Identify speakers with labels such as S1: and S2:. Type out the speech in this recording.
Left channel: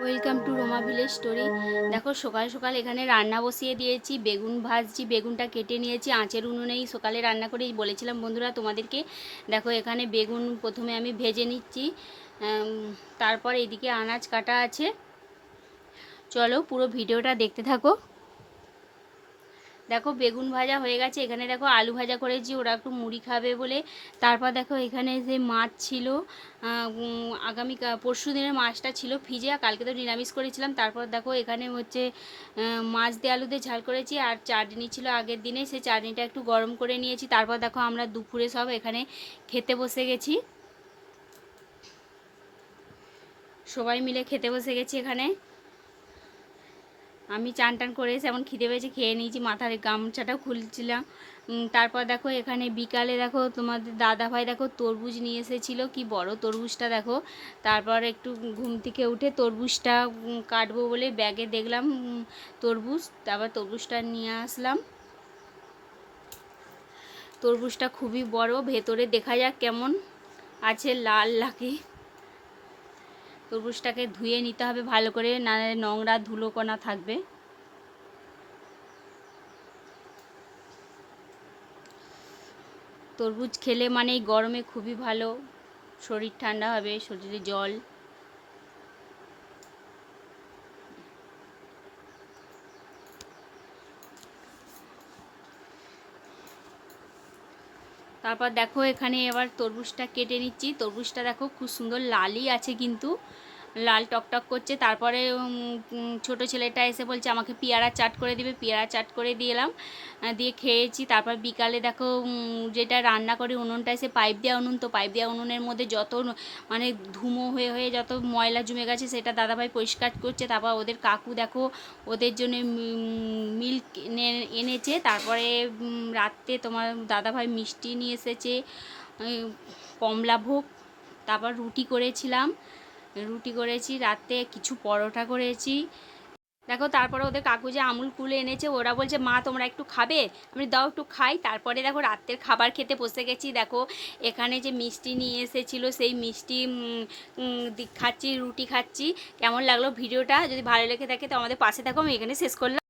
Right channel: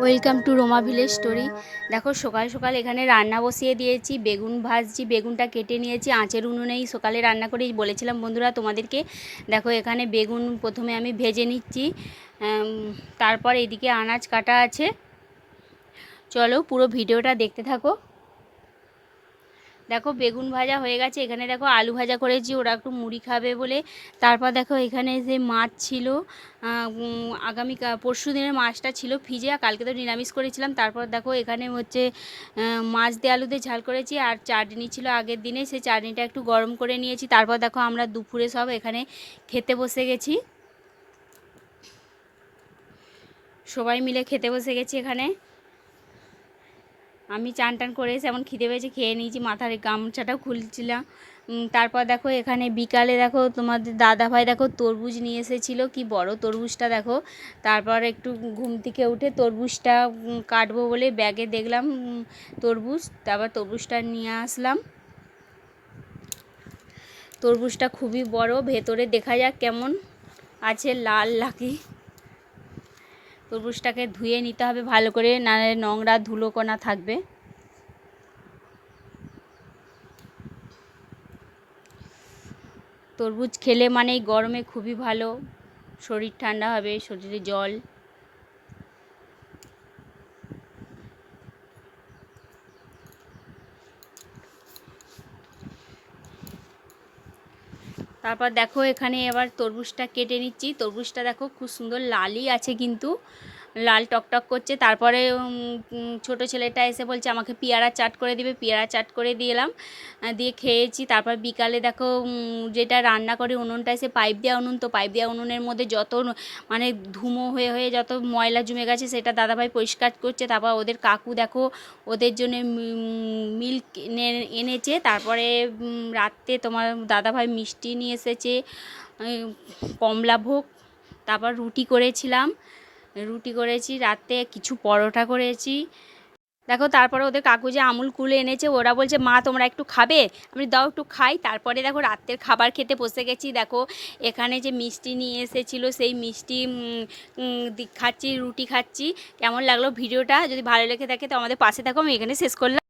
S1: Welcome to Roma village story দেখো, সকাল সকাল এখানে রান্না বসিয়ে দিয়েছি, বেগুন ভাজছি, বেগুনটা কেটে নিয়েছি, আঁচের উনুনেই সকালে রান্না করেই বলেছিলাম, বন্ধুরা, তোমাদেরকে দেখো, এখানে বেগুন প্রথমে আমি ভেজে নিচ্ছি। তারপর এদিকে আনাজ কাটা আছে। চলো, পুরো ভিডিওটা দেখতে থাকো। দেখো বেগুন ভাজা হয়ে গেছে, এখানে দেখো আলু ভাজা করেছি, ওরা একটু মুড়ি খাবে বলে। তারপর দেখো এখানে যে মাছ ছিল আগামী পরশু দিনের মাছটা ছিল ফ্রিজে আর কালকে তো নিরামিষ করেছিলাম। তারপর দেখো এখানে হচ্ছে মাছ দিয়ে আলু দিয়ে ঝাল করেছি, আর চাটনি ছিল আগের দিনে, সে চাটনিটা একটু গরম করে নিয়েছি। তারপর দেখো আমরা দুপুরে সব এখানে খেতে বসে গেছি। সবাই মিলে খেতে বসে গেছি এখানে। আমি চান টান করে এসে এমন খিদে পেয়েছে, খেয়ে নিয়েছি, মাথার গামছাটাও খুলছিলাম। তারপর দেখো এখানে বিকালে দেখো তোমাদের দাদা ভাই দেখো তরমুজ নিয়ে এসেছিল, কি বড় তরমুজটা দেখো। তারপর একটু ঘুম থেকে উঠে তরমুজটা কাটবো বলে ব্যাগে দেখলাম তরমুজ, তারপর তরমুজটা নিয়ে আসলাম। তরমুজটা খুবই বড়, ভেতরে দেখা যাক কেমন আছে, লাল লাকি তরমুজটাকে ধুয়ে নিতে হবে ভালো করে না নোংরা ধুলোকোনা থাকবে। তরমুজ খেলে মানেই গরমে খুবই ভালো, শরীর ঠান্ডা হবে, শরীরে জল তারপর দেখো এখানে এবার তরমুজটা কেটে নিচ্ছি। তরমুজটা দেখো খুব সুন্দর লালই আছে কিন্তু। লাল টকটক করছে। তারপরে ছোটো ছেলেটা এসে বলছে, আমাকে পেয়ারা চাট করে দিবে। পেয়ারা চাট করে দিলাম দিয়ে খেয়েছি। তারপর বিকালে দেখো যেটা রান্না করে, উনুনটা এসে পাইপ দেওয়া উনুন। তো পাইপ দেওয়া উনুনের মধ্যে যত মানে ধুমো হয়ে হয়ে যত ময়লা জমে গেছে, সেটা দাদাভাই পরিষ্কার করছে। তারপর ওদের কাকু দেখো, ওদের জন্য মিল্ক এনেছে। তারপরে রাত্রে তোমার দাদাভাই মিষ্টি নিয়ে এসেছে কমলা ভোগ। তারপর রুটি করেছিলাম। রুটি করেছি, রাতে কিছু পরোটা করেছি। দেখো তারপরে ওদের কাকু যে আমুল কুলে এনেছে, ওরা বলছে, মা, তোমরা একটু খাবে? আমি দাও একটু খাই। তারপরে দেখো রাতের খাবার খেতে বসে গেছি। দেখো এখানে যে মিষ্টি নিয়ে এসেছিল, সেই মিষ্টি খাচ্ছি, রুটি খাচ্ছি। কেমন লাগল ভিডিওটা? যদি ভালো লেগে থাকে তো আমাদের পাশে থাকো, আমি এখানে শেষ করলাম।